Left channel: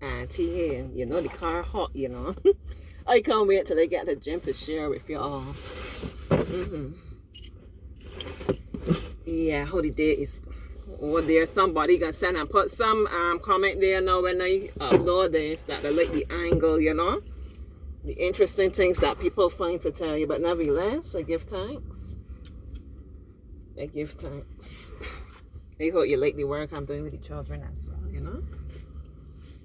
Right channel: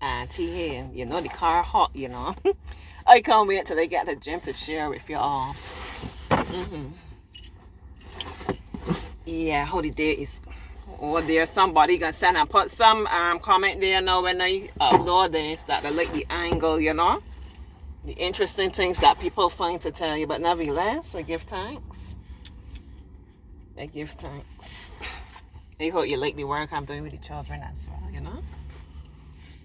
Auntie here. You know the car hot, you know. I can't wait till I get to the gym to share with you all. Yeah, how the day is. Or there's somebody gonna send and put some comment there now when I upload this that I like the angle, you know. The interesting things that people find to tell you, but nevertheless, I give thanks. I give thanks. I hope you like the work I'm doing with the children as well, you know.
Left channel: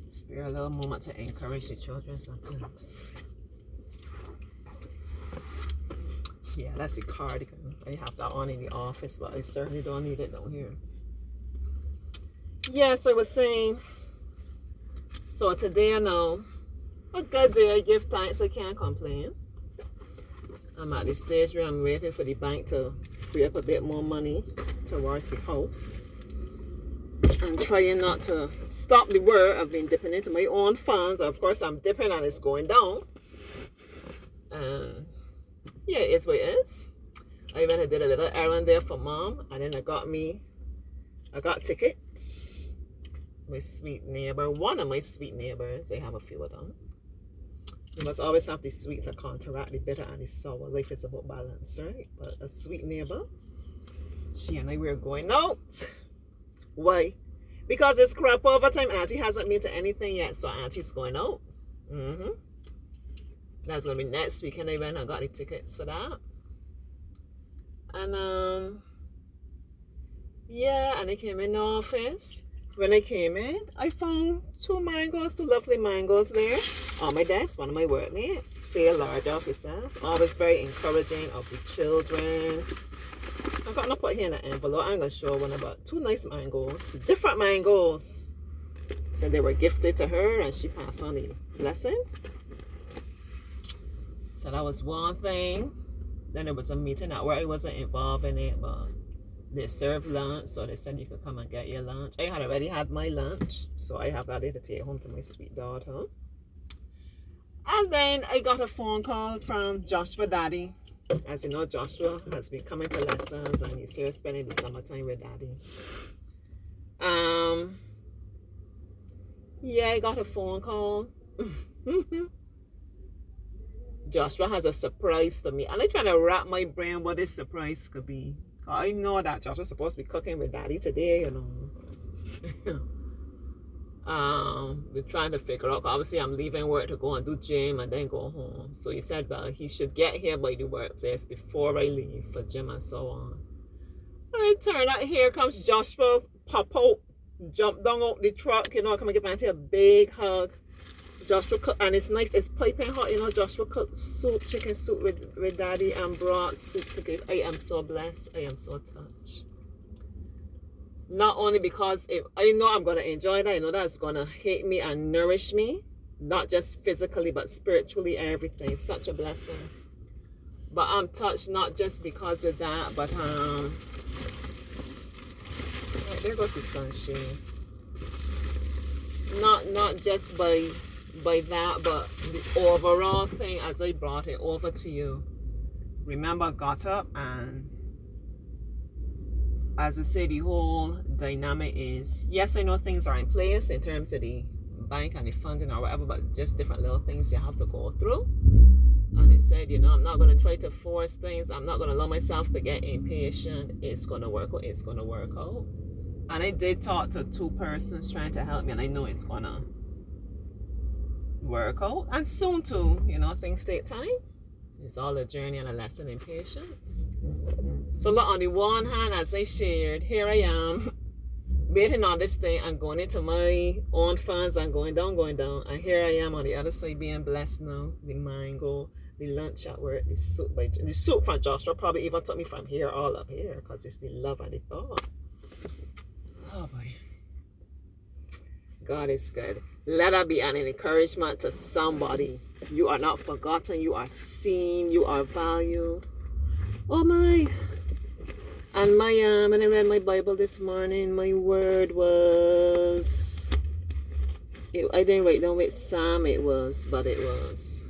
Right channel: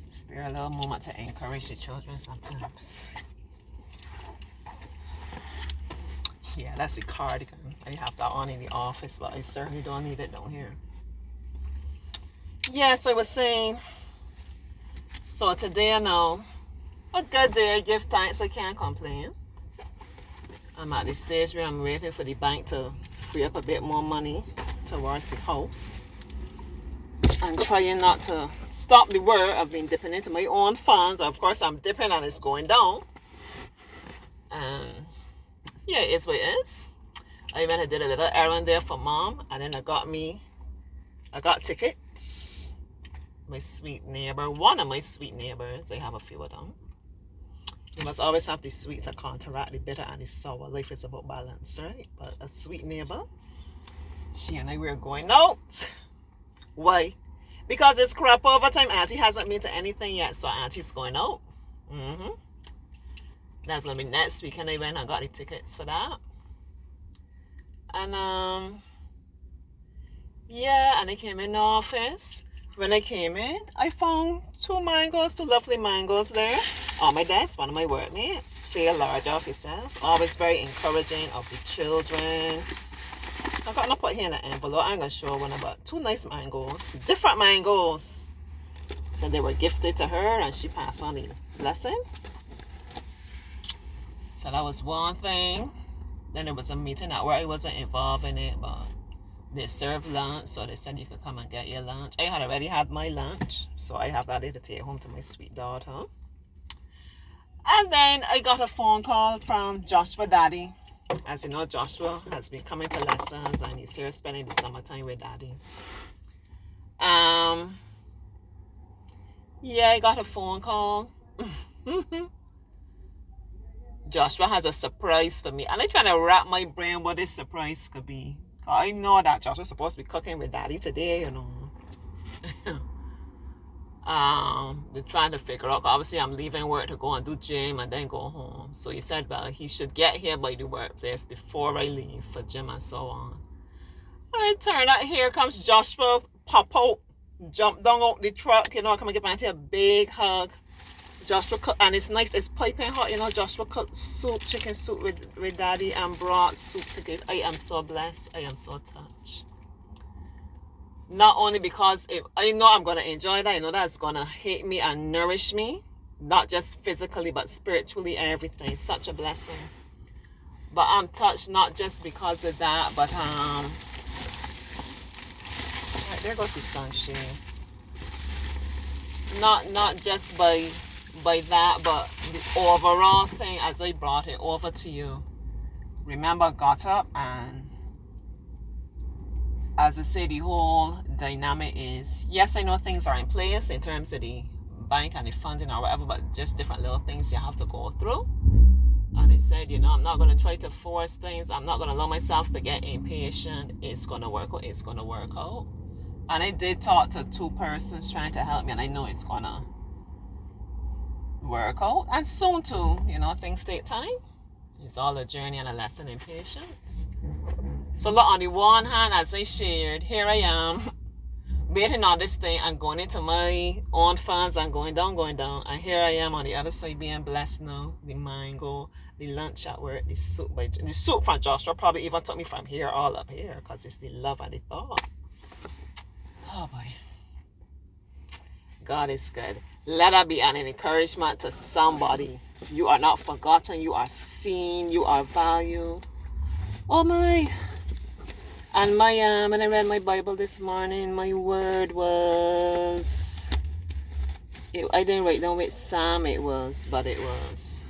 Spare a little moment to encourage the children sometimes. Yeah, that's the cardigan. I have that on in the office, but I certainly don't need it down here. Yeah, so I was saying, so today I know, a good day, I give thanks, I can't complain. I'm at the stage where I'm waiting for the bank to free up a bit more money towards the house. And trying not to stop the work. I've been dipping into my own funds. Of course, I'm dipping and it's going down. Yeah, it is what it is. I went and did a little errand there for mom, and then I got tickets. My sweet neighbor, one of my sweet neighbors, I have a few of them. You must always have the sweet to counteract the bitter and the sour. Life is about balance, right? But a sweet neighbor, she and I were going out. Why? Because it's crap over time. Auntie hasn't been to anything yet, so Auntie's going out. That's gonna be next weekend. I went and got the tickets for that. And yeah, and I came in the office. When I came in, I found two lovely mangoes there on my desk. One of my workmates, feel large of yourself. Always very encouraging of the children. I'm gonna put here in an envelope. I'm gonna show one about two nice mangoes, different mangoes. So they were gifted to her, and she passed on the blessing. So that was one thing. Then there was a meeting at where I wasn't involved in it, but they served lunch, so they said you could come and get your lunch. I had already had my lunch, so I have that to take home to my sweet daughter. And then I got a phone call from Joshua Daddy. As you know, Joshua has been coming to lessons, and he's here spending the summertime with Daddy. Yeah, I got a phone call. Joshua has a surprise for me, and I'm trying to wrap my brain what this surprise could be. I know that Joshua's supposed to be cooking with Daddy today, you know. They're trying to figure out. Obviously, I'm leaving work to go and do gym and then go home. So he said, well, he should get here by the workplace before I leave for gym and so on. I turn out, here comes Joshua, pop out, jump down out the truck, you know, come and give Auntie a big hug. Joshua cooked, and it's nice, it's piping hot, you know. Joshua cooked soup, chicken soup with Daddy, and brought soup to give. I am so blessed. I am so touched. Not only because I know I'm going to enjoy that, I know that's going to hit me and nourish me, not just physically, but spiritually, everything. Such a blessing. But I'm touched not just because of that, but right, there goes the sunshine. Not just by that, but the overall thing as I brought it over to you. Remember, got up, and as I say, the whole dynamic is, yes, I know things are in place in terms of the bank and the funding or whatever, but just different little things you have to go through. And it said, you know, I'm not going to try to force things. I'm not going to allow myself to get impatient. It's going to work out. It's going to work out. And I did talk to two persons trying to help me, and I know it's going to work out. And soon too, you know, things take time. It's all a journey and a lesson in patience. So look, on the one hand, as I shared, here I am waiting on this thing and going into my own funds and going down. And here I am on the other side being blessed now. The mango, the lunch at work, the soup from Joshua probably even took me from here all up here because it's the love and the thought. Oh boy. God is good. Let that be an encouragement to somebody. You are not forgotten. You are seen. You are valued. Oh my. And when I read my Bible this morning, my word was, I didn't write down which psalm it was, but it was,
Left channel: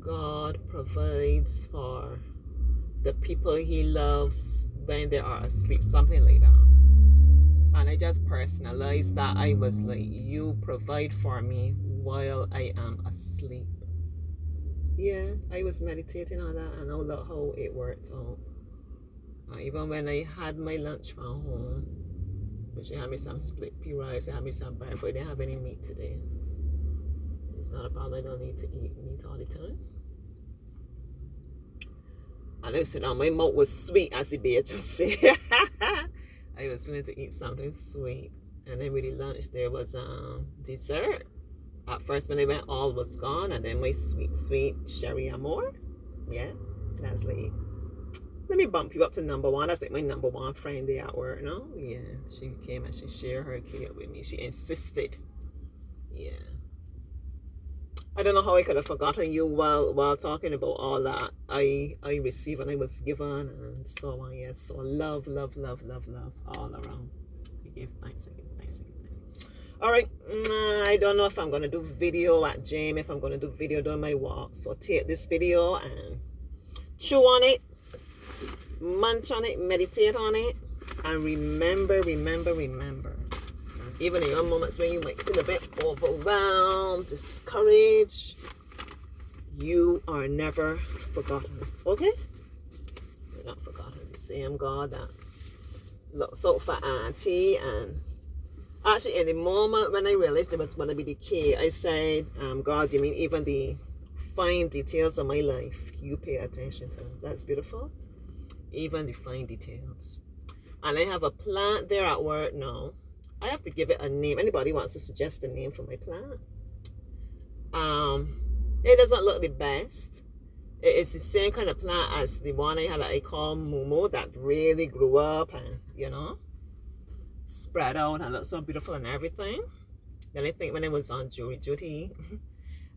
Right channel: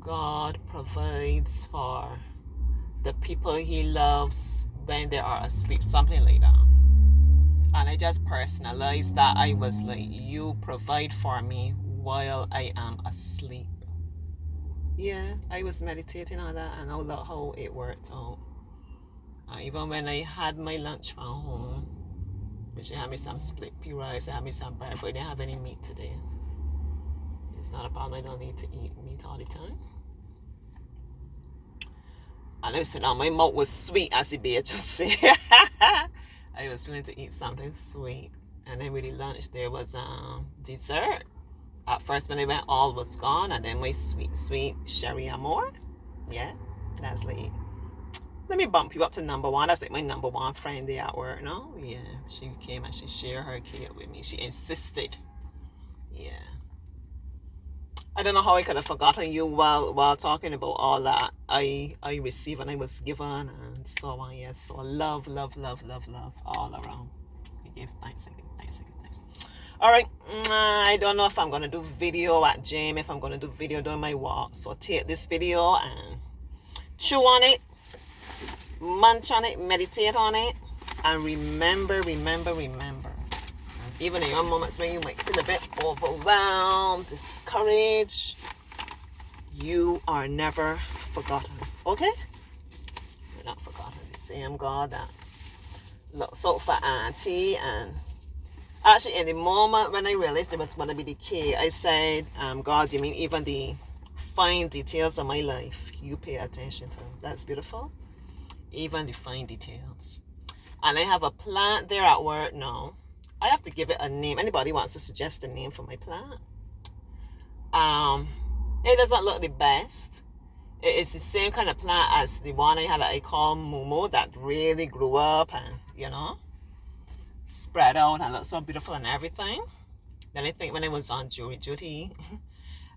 God provides for the people he loves when they are asleep, something like that. And I just personalized that. I was like, you provide for me while I am asleep. Yeah, I was meditating on that, and I love how it worked out. Even when I had my lunch from home, she had me some split pea rice, I had me some bread, but I didn't have any meat today. It's not a problem, I don't need to eat meat all the time. And I said, oh, my mouth was sweet, as the bear just said. I was willing to eat something sweet. And then with the lunch, there was dessert. At first, when I went, all was gone. And then my sweet Sherry Amore. Yeah, that's like, let me bump you up to number one. That's like my number one friend there at work, no? Yeah, she came and she shared her cake with me. She insisted. Yeah. I don't know how I could have forgotten you while talking about all that I received and I was given and so on. Yes, so love all around. I give thanks. All right, I don't know if I'm gonna do video at gym, if I'm gonna do video during my walk. So take this video and chew on it, munch on it, meditate on it, and remember. Even in your moments when you might feel a bit overwhelmed, discouraged, you are never forgotten. Okay? You're not forgotten. The same God that looks out for Auntie. And actually, in the moment when I realized it was going to be the key, I said, God, you mean even the fine details of my life, you pay attention to. That's beautiful. Even the fine details. And I have a plant there at work now. I have to give it a name. Anybody wants to suggest a name for my plant? It doesn't look the best. It is the same kind of plant as the one I call Momo, that really grew up and, spread out and looked so beautiful and everything. Then I think when I was on jury duty,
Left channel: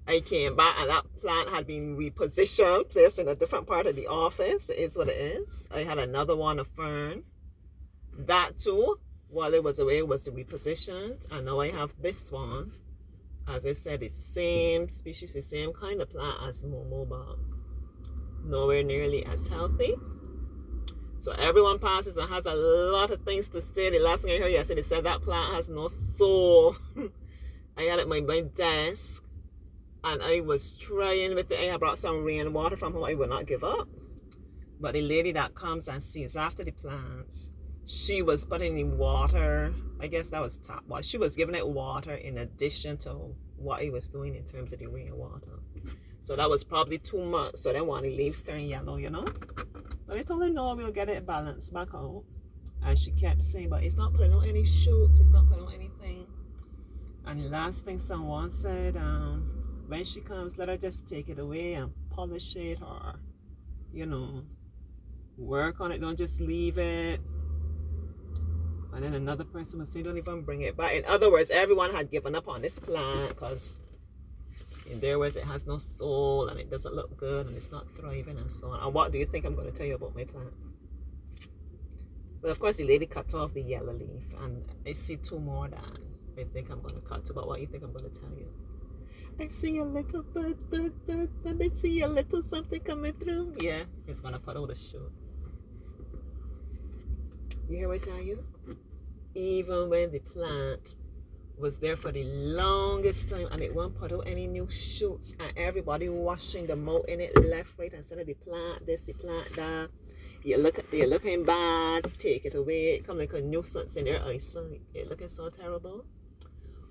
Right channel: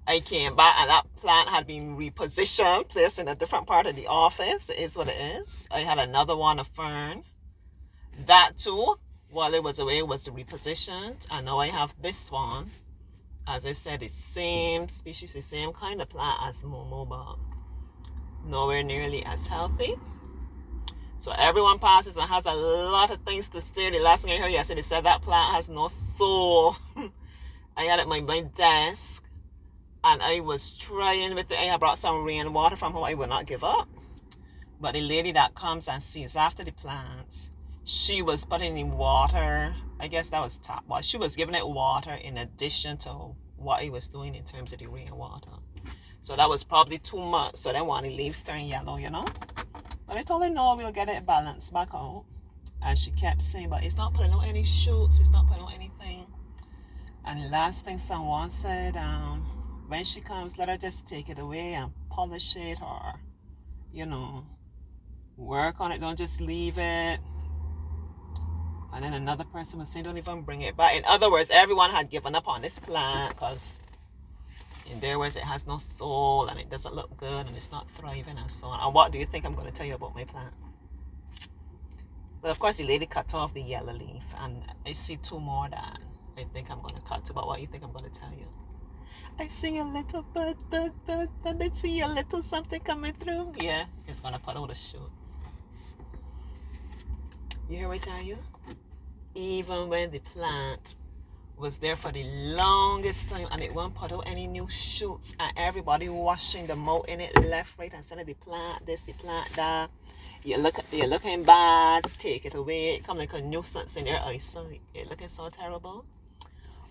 I came back and that plant had been repositioned, placed in a different part of the office. It is what it is. I had another one, a fern. That too, while it was away, was repositioned, and now I have this one. As I said, the same species, the same kind of plant as Momo, but nowhere nearly as healthy. So everyone passes and has a lot of things to say. The last thing I heard yesterday, they said that plant has no soul. I had it on my desk, and I was trying with it. I had brought some rainwater from home. I will not give up. But the lady that comes and sees after the plants, she was putting in water. I guess that was tap water. She was giving it water in addition to what I was doing in terms of the rainwater. So that was probably too much. So then when the leaves turn yellow, But I told her, no, we'll get it balanced back out. And she kept saying, but it's not putting out any shoots. It's not putting out anything. And the last thing someone said, when she comes, let her just take it away and polish it or, work on it. Don't just leave it. And then another person was saying, don't even bring it back. In other words, everyone had given up on this plant because in their words, it has no soul and it doesn't look good and it's not thriving and so on. And what do you think I'm going to tell you about my plant? Well, of course, the lady cut off the yellow leaf, and I see two more that I think I'm going to cut to. But what do you think I'm going to tell you? I see a little bud, and I see a little something coming through. Yeah, it's going to put out a shoot. You hear what I tell you? Even when the plant was there for the longest time and it won't put out any new shoots and everybody washing them out in it left, right, and center, the plant this, the plant that, you're looking bad, take it away. It come like a nuisance in your eyesight. It looking so terrible.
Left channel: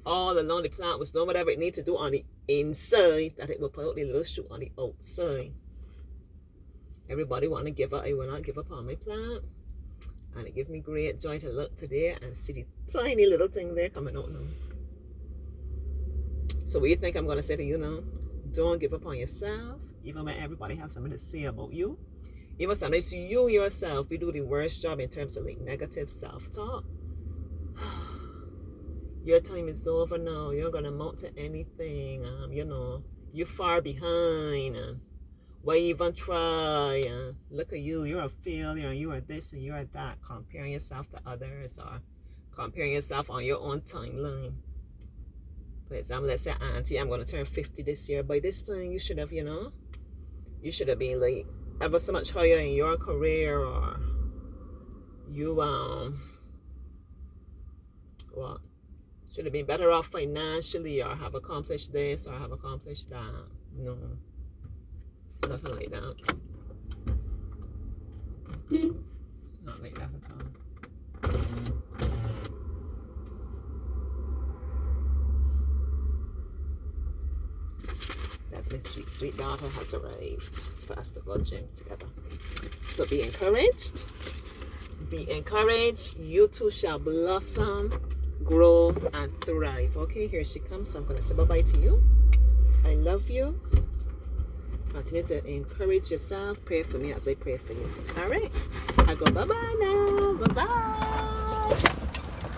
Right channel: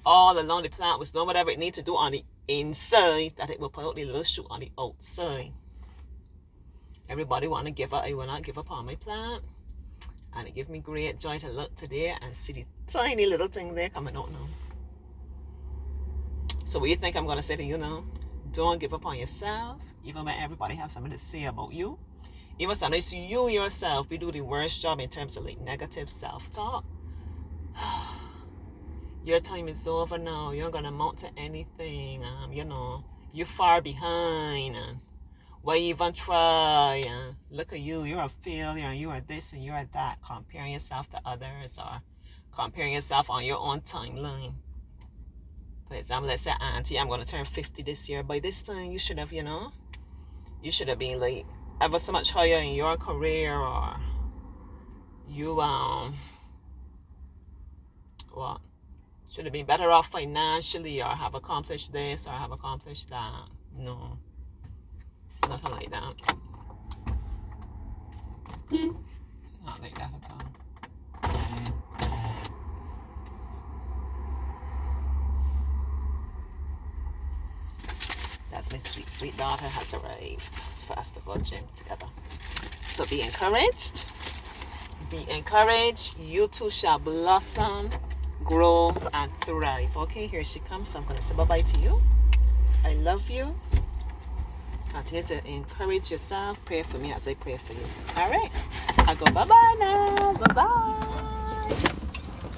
All along the plant was doing whatever it needs to do on the inside that it will put out the little shoot on the outside. Everybody want to give up. I will not give up on my plant. And it gives me great joy to look today and see the tiny little thing there coming out now. So what do you think I'm going to say to you now? Don't give up on yourself, even when everybody has something to say about you. Even sometimes you yourself, we do the worst job in terms of like negative self-talk. Your time is over now. You're not going to amount to anything. You're far behind. Why even try? Look at you, you're a failure, you are this and you are that. Comparing yourself to others or comparing yourself on your own timeline. For example, let's say, Auntie, I'm going to turn 50 this year. By this time, you should have, you should have been like ever so much higher in your career, or you what? Should have been better off financially, or have accomplished this, or have accomplished that. No. It's nothing like that. Not like that at all. That's my sweet, sweet daughter has arrived for us to go gym together. So be encouraged. Be encouraged. You too shall blossom, grow, and thrive. Okay, here she comes. So I'm going to say bye-bye to you. I love you. Continue to encourage yourself. Pray for me as I pray for you. All right. I go bye-bye now. Bye-bye.